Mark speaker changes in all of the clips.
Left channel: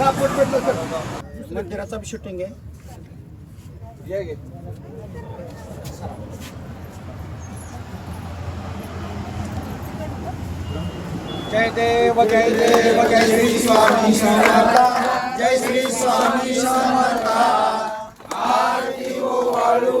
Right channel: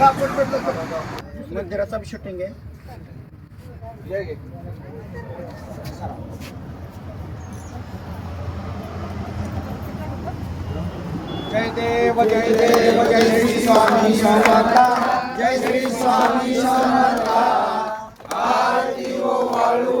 Speaker 1: जरा सा शूटिंग है जय देव जय देव जय श्री स्वामी शरणा जय श्री स्वामी शरणा आरती हो वालू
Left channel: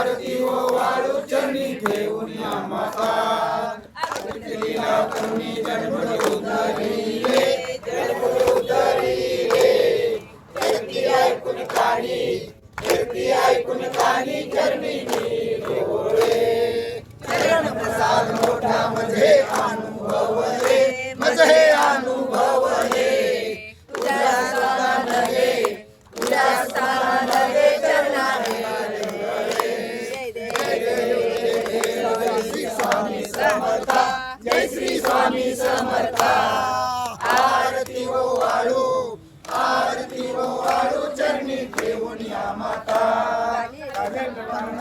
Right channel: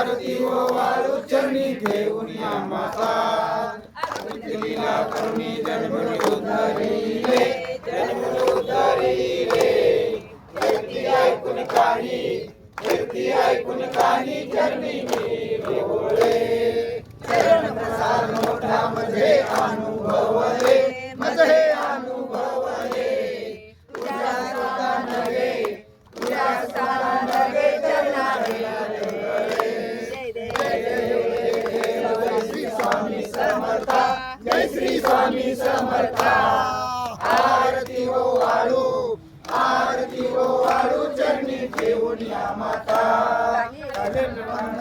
Speaker 1: भारती वो वालू चरनी थे उनिया माता लीला करनी जन्मड़ उतारी ले एक दिया एक दिया कुन कानी